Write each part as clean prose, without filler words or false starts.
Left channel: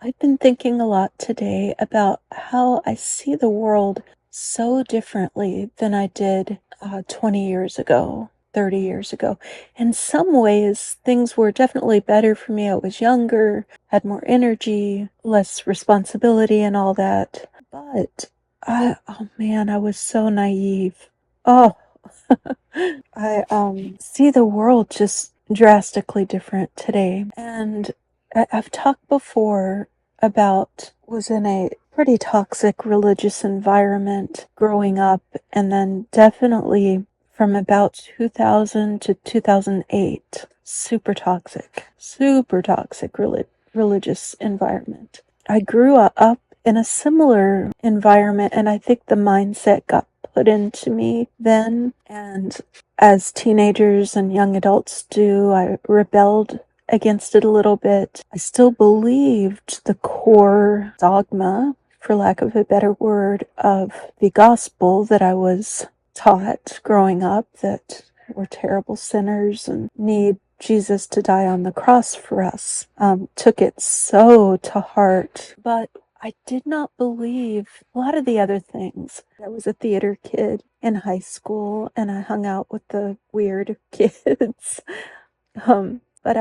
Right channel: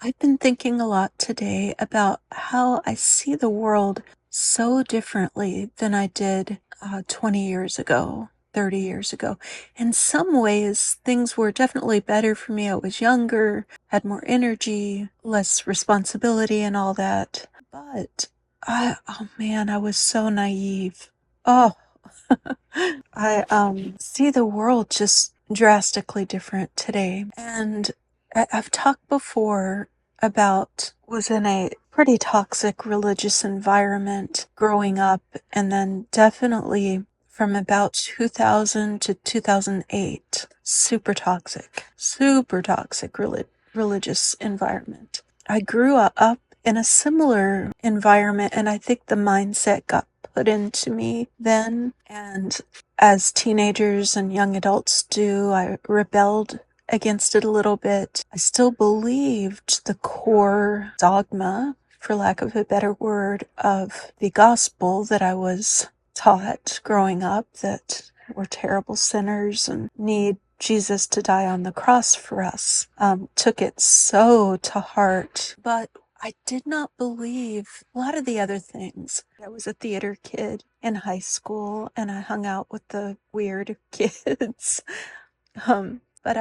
I've been thinking a lot today about how I see the world so differently than I did 20 years ago, 30 years ago. In some ways, things were definitely better for me. I was younger, had more energy, less responsibility, and all that. But oh man, I was so naive. Oh, I see the world just drastically different today. And I've talked before about was in a pretty toxic religious environment growing up, and then definitely from about 2000 to 2008, super toxic religious environment. I grew up in a similar environment, and I think the mindset got put into me then. And as teenagers and young adults do, I rebelled against it a little bit. I still believed the core dogma, for lack of a better word, of the gospel that I was taught growing up, that we're terrible sinners and need Jesus to die on the cross for us. Took it so to heart, but I did not believe a lot of the other things. I was a theater kid in high school, and I hung out with the weird kids. But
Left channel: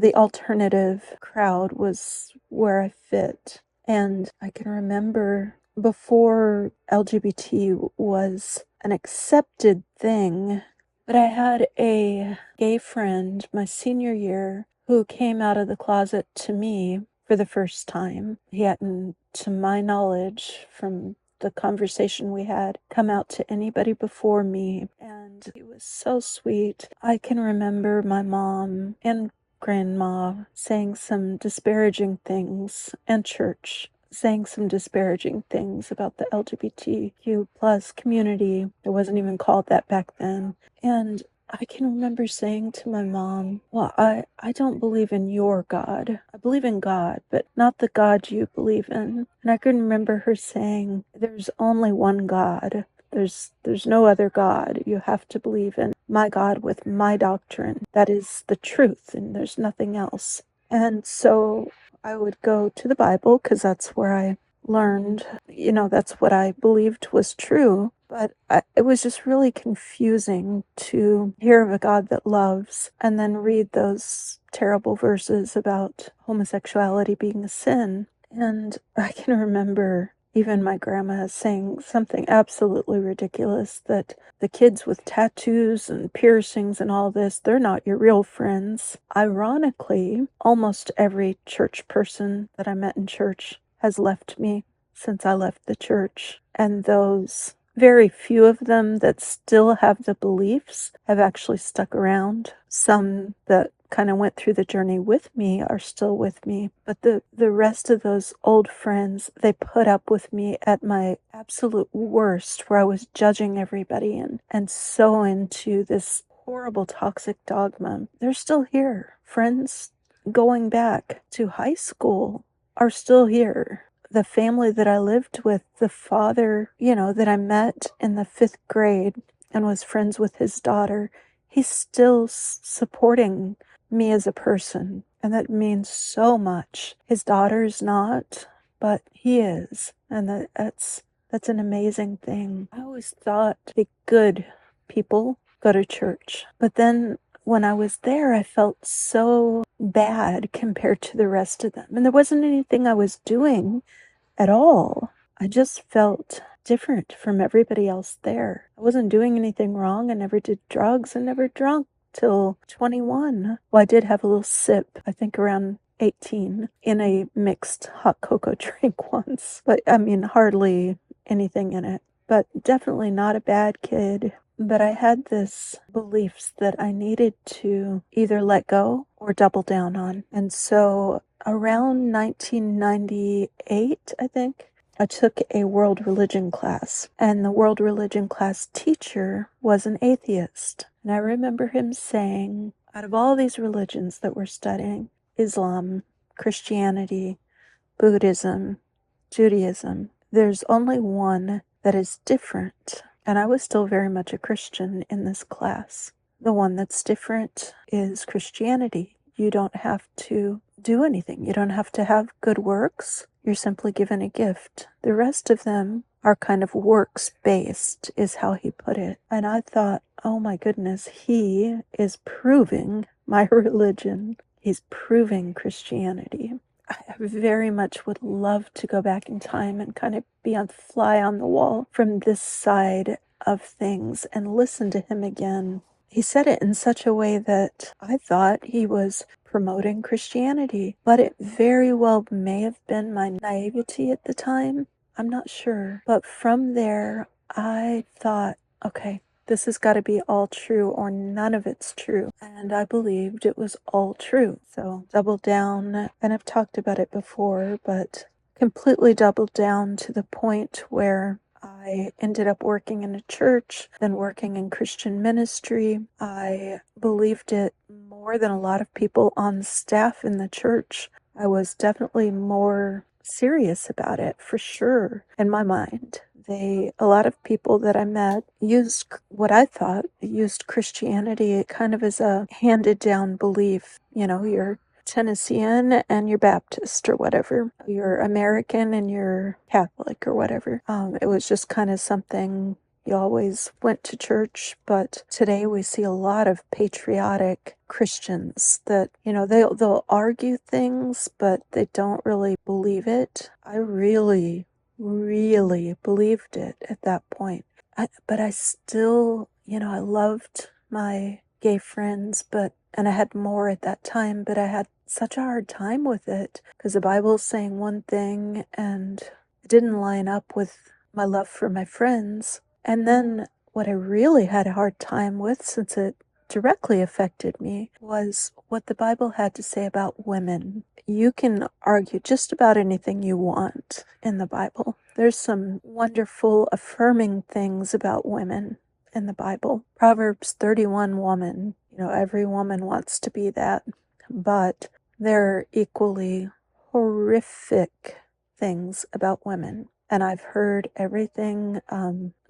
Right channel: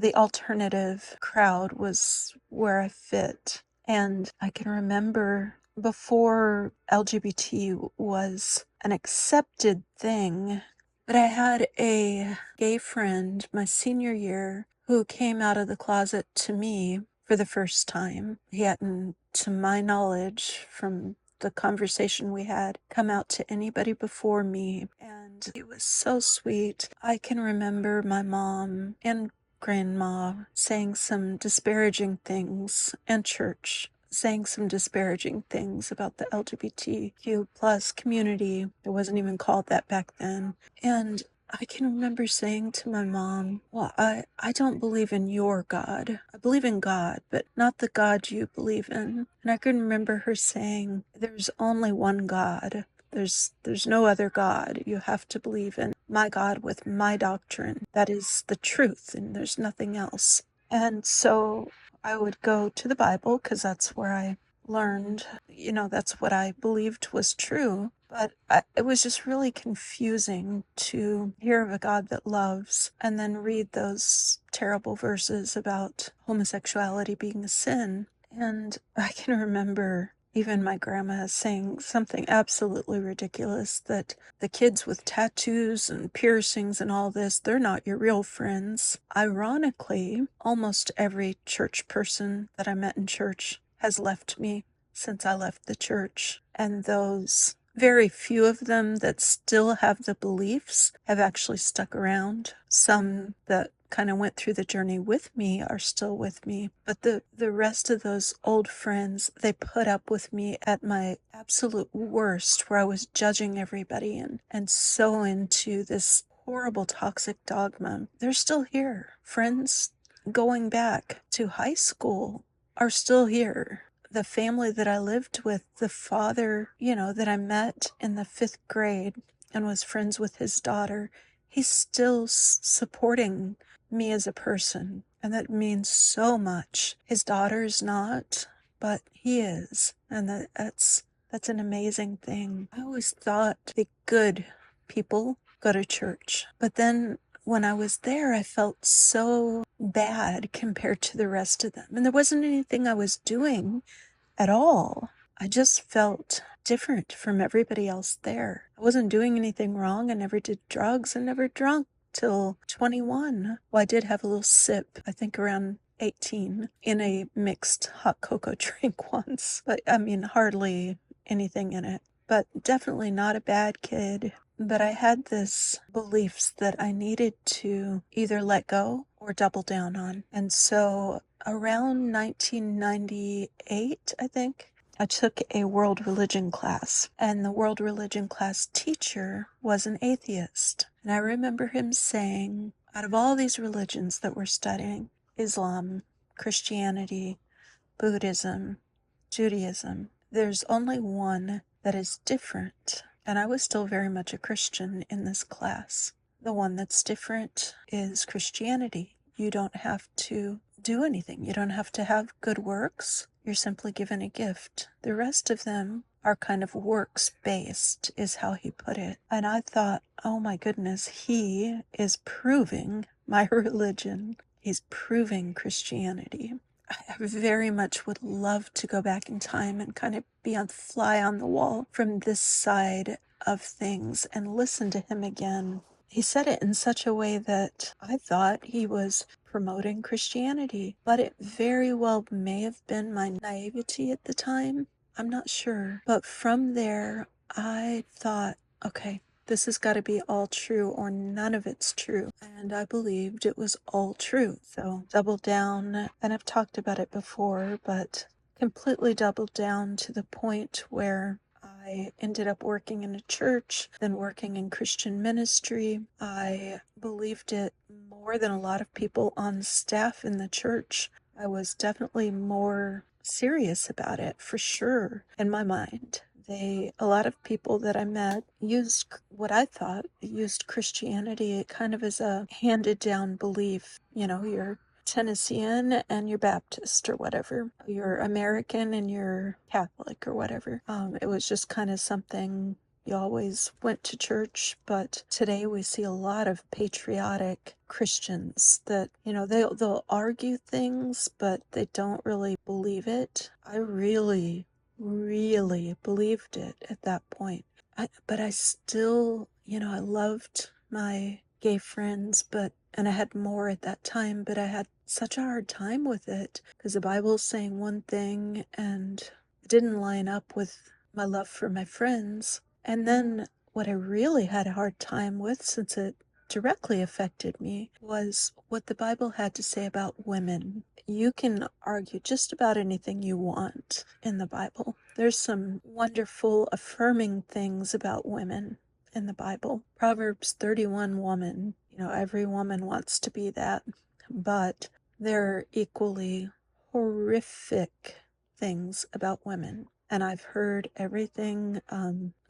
the alternative crowd was where I fit. And I can remember before LGBT was an accepted thing, but I had a gay friend my senior year who came out of the closet to me for the first time. He hadn't, to my knowledge, from the conversation we had, come out to anybody before me, and he was so sweet. I can remember my mom and grandma saying some disparaging things, and church saying some disparaging things about the LGBTQ plus community. It wasn't even called that back then. And I can remember saying to my mom, well, I don't believe in your God. I believe in God, but not the God you believe in. And I can remember her saying, there's only one God. There's no other God. You have to believe in my God with my doctrine. That is the truth, and there's nothing else. And so I would go to the Bible because that's where I learned, that's what I believed was true. But it was just really confusing to hear of a God that loves and then read those terrible verses about homosexuality being a sin. And I can remember even my grandma saying something absolutely ridiculous, that the kids with tattoos and piercings and all this, they're not your real friends. Ironically, almost every church person that I met in church has left me since I left the church. And those very few of them that still have the beliefs have actually stuck around. Some that kind of went through the journey with me are still with me. But the rest of those old friends, they put up with me at my absolute worst, where I was judging everybody and so into this horrible toxic dogma. They're still here. Friends going back to high school are still here. The family that I lived with, the father, that I met in the 5th grade and was friends with his daughter, he's still supporting me as a person. And that means so much. His daughter's not, but he is. And that's an amazing thing. I always thought the good people go to church. But then when I was there, I felt so bad compared to the rest of them. And there wasn't anything I was doing at all. I just felt different from everybody else there. I wasn't doing anything wrong. I never did drugs. I never drunk till 21. Well, I did have a little sip, I think around 18, in a mixed hot cocoa drink once. But I mean, hardly anything in it. But definitely not a bad kid. But I had this beliefs that I needed to either let go or double down on. And so around 1998, I think, I took a world religion class, and the world religion class teacher was an atheist. And I remember him saying, out of all these religions that we're studying, Islam, Christianity, Buddhism, Judaism, there's only one that is different. And I was still very much a Christian in this class. The one that's different is Christianity. you don't have to do anything. You don't have to have good works. You're simply given a gift. The rest of them are kind of works based, is how he put it. And I thought, oh my goodness, he is proving my religion. He's proving Christianity. I very much would love to go back in time and kind of be a fly on the wall from this side of things and listen to him again. He said it in such a way that I thought he was promoting Christianity, but it very well may have been my naivety at the time. I'm not sure. But from there, I thought, okay, this has got to be all true or none of it's true. And I believed it was all true. So doubled down, and I've talked about it before, but completely doubled down to the point where I ended up working in a church, then working in Christian ministry. I believed it more than a lot of people on staff in the church. I was definitely more serious about it, for sure, in my mind. A lot of people that I met used what I thought used Christianity kind of as a handed down belief. You're Tennessean and you're Baptist or whatever. You're American and you're Catholic or whatever. It was just kind of something you always went to church, but today we see a lot of patriotic Christians that, they'll argue things, but they don't really believe it. I really believed it at that point. But I still, I loved my gay friends, and I had more at that time, but I had such a hard time with it because the Bible's saying one thing and it didn't line up with my love for my friends. And then what I really had a hard time with, since it directly affected me, was what the Bible had to say about women. You can argue just about anything you want in the Bible. There's some wonderful affirming things about women in the Bible. Proverbs 31 woman, every woman wants to be that, but there are equally horrific things about women. And I've heard everything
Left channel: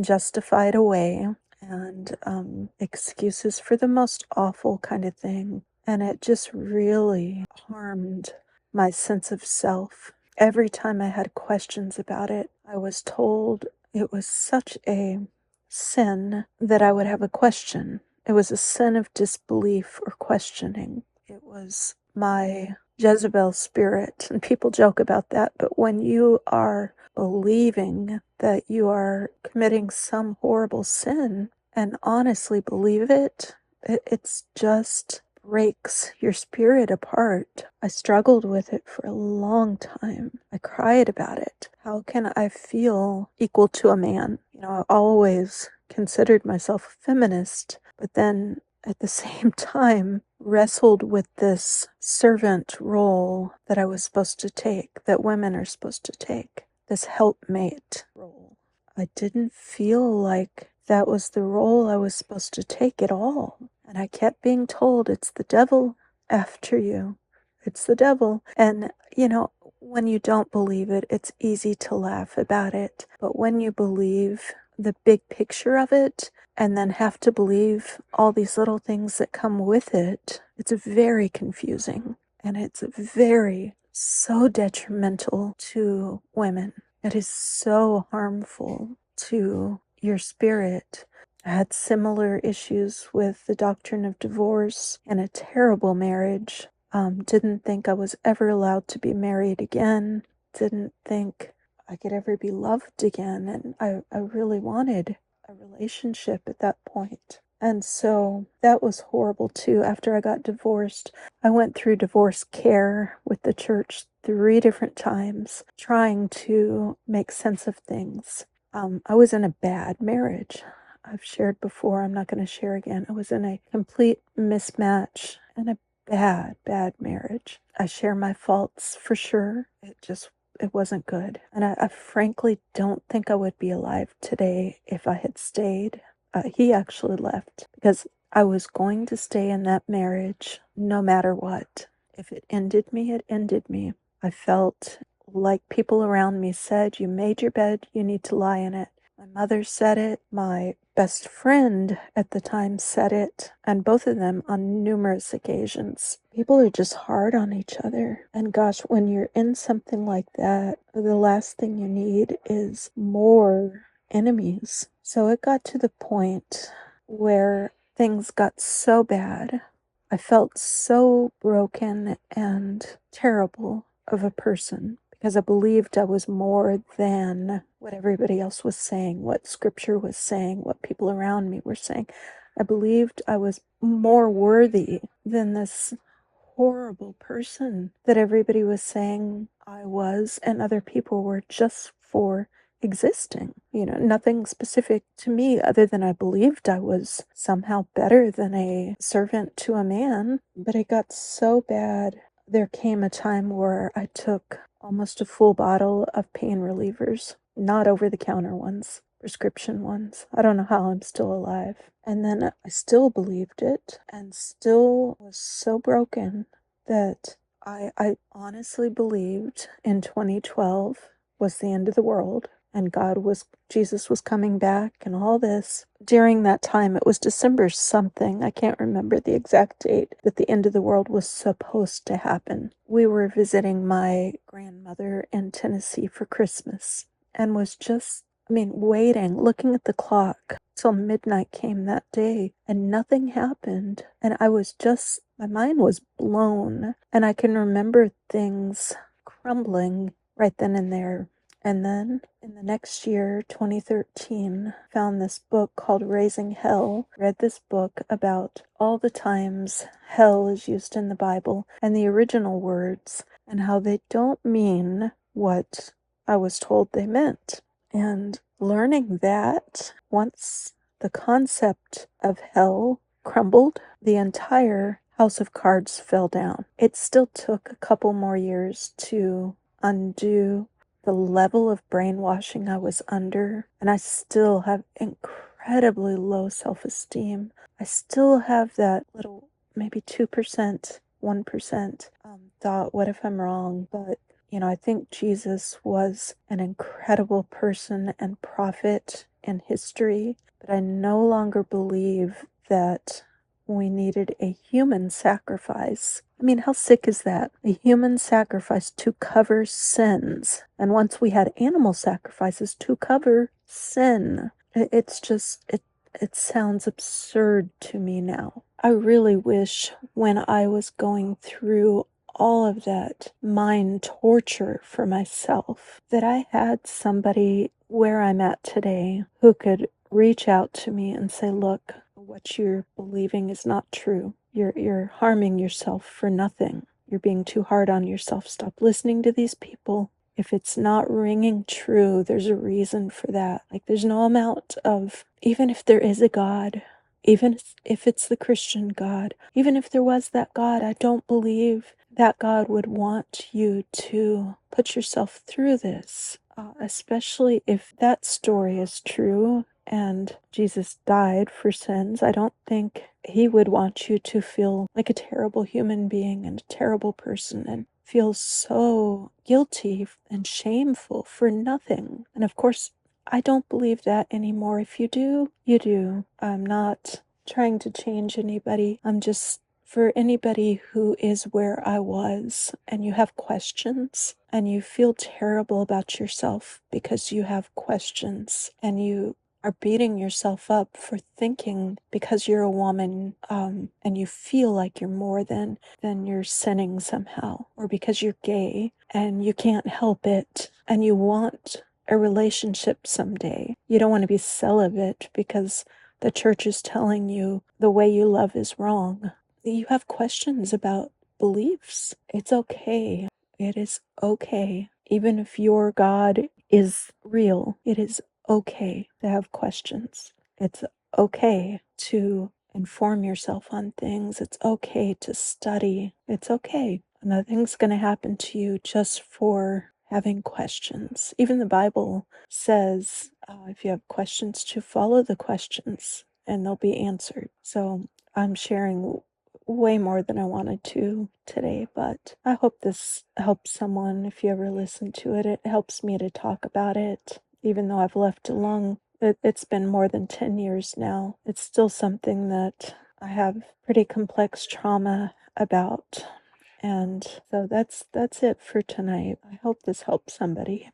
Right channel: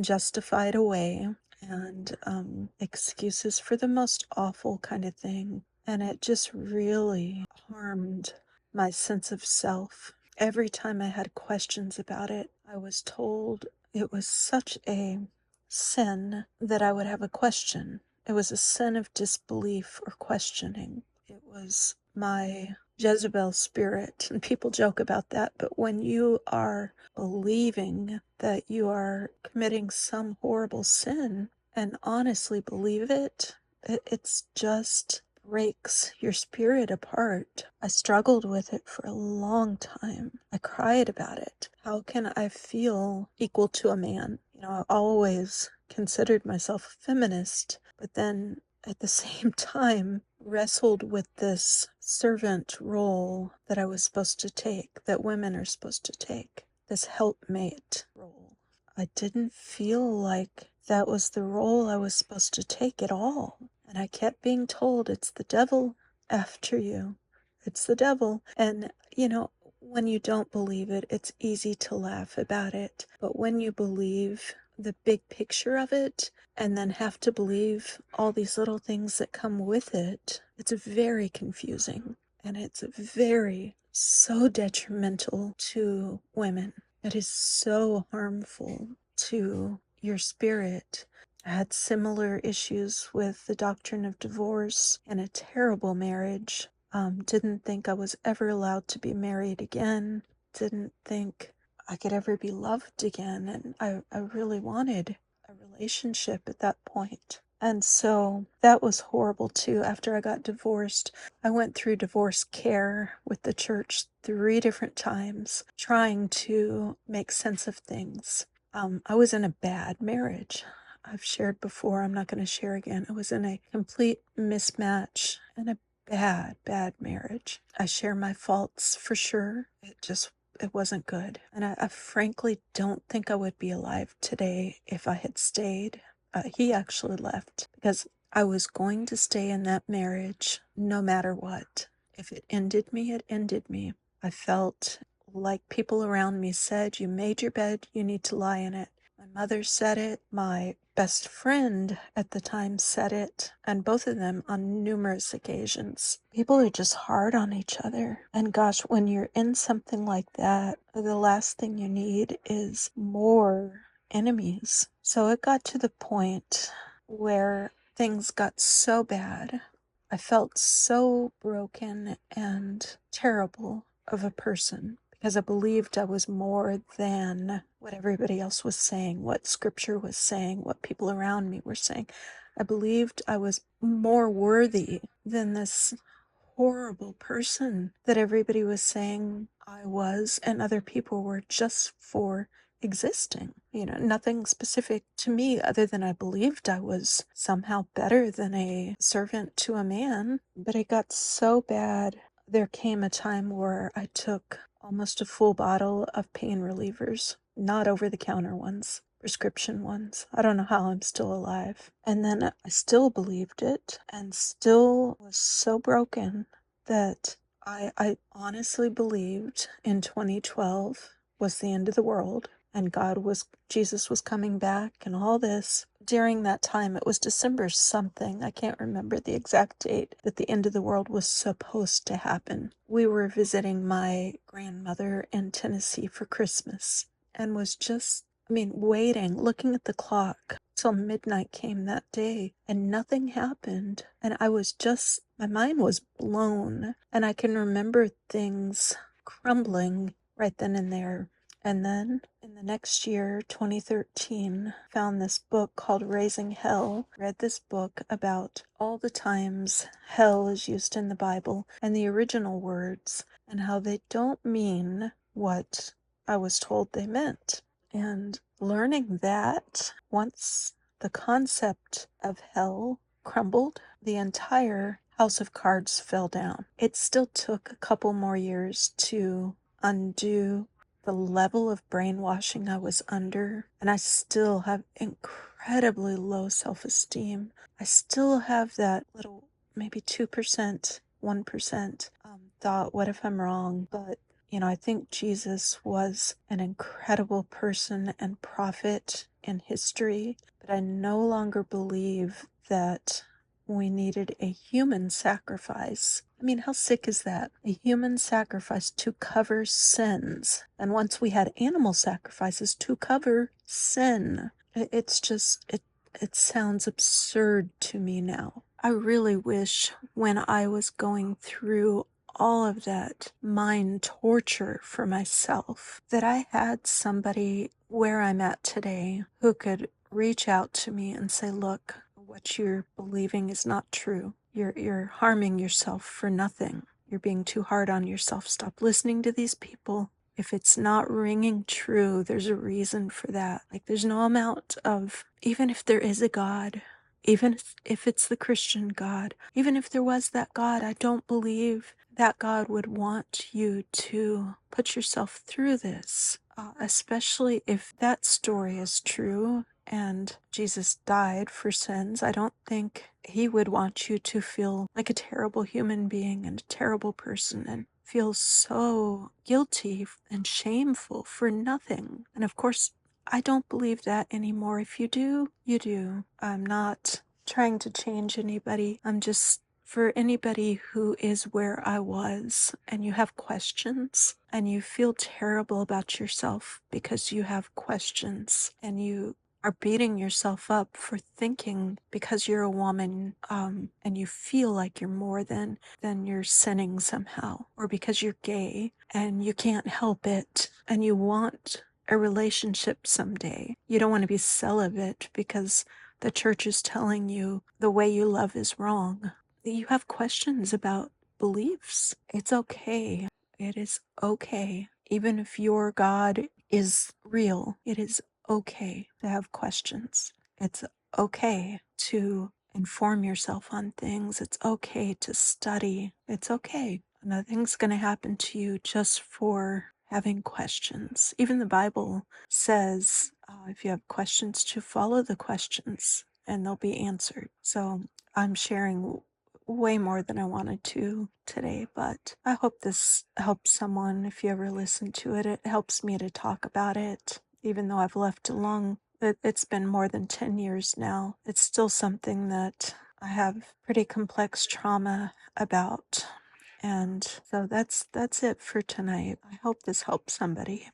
justified away and excuses for the most awful kind of thing. And it just really harmed my sense of self. Every time I had questions about it, I was told it was such a sin that I would have a question. It was a sin of disbelief or questioning. It was my Jezebel spirit, and people joke about that, but when you are believing that you are committing some horrible sin and honestly believe it's just breaks your spirit apart. I struggled with it for a long time. I cried about it. How can I feel equal to a man? I always considered myself a feminist, but then at the same time wrestled with this servant role that I was supposed to take, that women are supposed to take, this helpmate role. I didn't feel like that was the role I was supposed to take at all. And I kept being told it's the devil after you. It's the devil. And, when you don't believe it, it's easy to laugh about it. But when you believe the big picture of it and then have to believe all these little things that come with it, it's very confusing. And it's so detrimental to women. It is so harmful to your spirit. I had similar issues with the doctrine of divorce and a terrible marriage. Didn't think I was ever allowed to be married again. Didn't think I could ever be loved again. And I really wanted a relationship at that point. And so that was horrible too. After I got divorced, I went through divorce care with the church 3 different times, trying to make sense of things. I was in a bad marriage. I've shared before, I'm not going to share again. I was in a complete mismatch and a bad marriage. I share my faults for sure. It wasn't good. And I frankly don't think I would be alive today if I had stayed. He actually left because I was going to stay in that marriage no matter what. If it ended me, it ended me. I felt like people around me said, you made your bed, you need to lie in it. My mother said it. My best friend at the time said it, and both of them on numerous occasions. People are just hard on each other. And gosh, when you're in something like that, the last thing you need is more enemies. So it got to the point where things got so bad. I felt so broken and terrible of a person because I believed I was more than what everybody else was saying, what scripture was saying, what people around me were saying. I believed I was more worthy than this horrible person that everybody was saying I was, and other people were just for existing. Nothing specific to me other than I believed I was somehow better than a servant to a man. But it got so bad. There came a time where I took almost a full bottle of pain relievers, not over the counter ones, prescription ones. I don't know how I'm still alive. And then I still believed it and still was so broken that I honestly believed in 2012 was the end of the world and Jesus was coming back and all this. During that time, it was December something, I can't remember the exact date, that the end of the world was supposed to happen. We were visiting my grandmother in Tennessee for Christmas and was just, waiting, looking at the clock till midnight came that day and nothing happened. And my mind was blown, and I can remember things crumbling right then and there. And then in the next year, 2013, found this book called Raising Hell. Read this book about all the times hell is used in the Bible and the original words and how they don't mean what I was told they meant. And learning that once the concept of hell crumbled, the entire house of cards fell down. It still took a couple more years to undo the level of brainwashing I was under, and I still have incredibly low self-esteem. I still have that little, maybe 2%, 1% thought, what if I'm wrong? But I think Jesus was an incredible person and prophet in history, but I no longer believe that we needed a human sacrifice. How sick is that? A human sacrifice to cover sins. And once we had animal sacrifices to cover sin, it sounds absurd to me now. I really wish when I was going through all of that mind torture for myself that I had somebody where I'm at today who could reach out to me and say, look, what you're believing is not true. You're harming yourself for nothing. You're being too hard on yourself. Stop listening to these people. If it's not ringing true, there's a reason for that. There's no amount of, even if there is a God, even if it's the Christian God, even if there was that God, I don't believe that God would want you to put yourself through this, especially if that story is true and Jesus died for sins. I don't think he would want you to feel like a terrible human being and a terrible person and feel so guilty and shameful for nothing. And of course, I don't believe that anymore. If you do, you do. I'm not trying to change anybody. I'm just, for anybody who is where I was and you have questions and you feel terrible about yourself because you have questions and you are beating yourself up for thinking because you're a woman and you feel like you're more than you're sinning somehow, or because you're gay and you can't help it and you want a relationship someday. You don't want to be celibate because the church is telling you the way you love is wrong. You have questions about beliefs. It's okay. It is okay. Even if your God is real, it is okay to have questions. It's okay to inform yourself on things. It's okay to study. It's okay. Nothing's going to happen to you just for having questions. Even the Bible says if you have questions, to follow the questions and they'll be answered. So I'm sharing way more than I wanted to today, but I hope this helps someone. If you ever listen to it, it helps me to talk about it. Even though I've left a long It's been more than 10 years now. It's still something that I have pretty complex trauma about. And so that's it for tonight. I hope this helps somebody.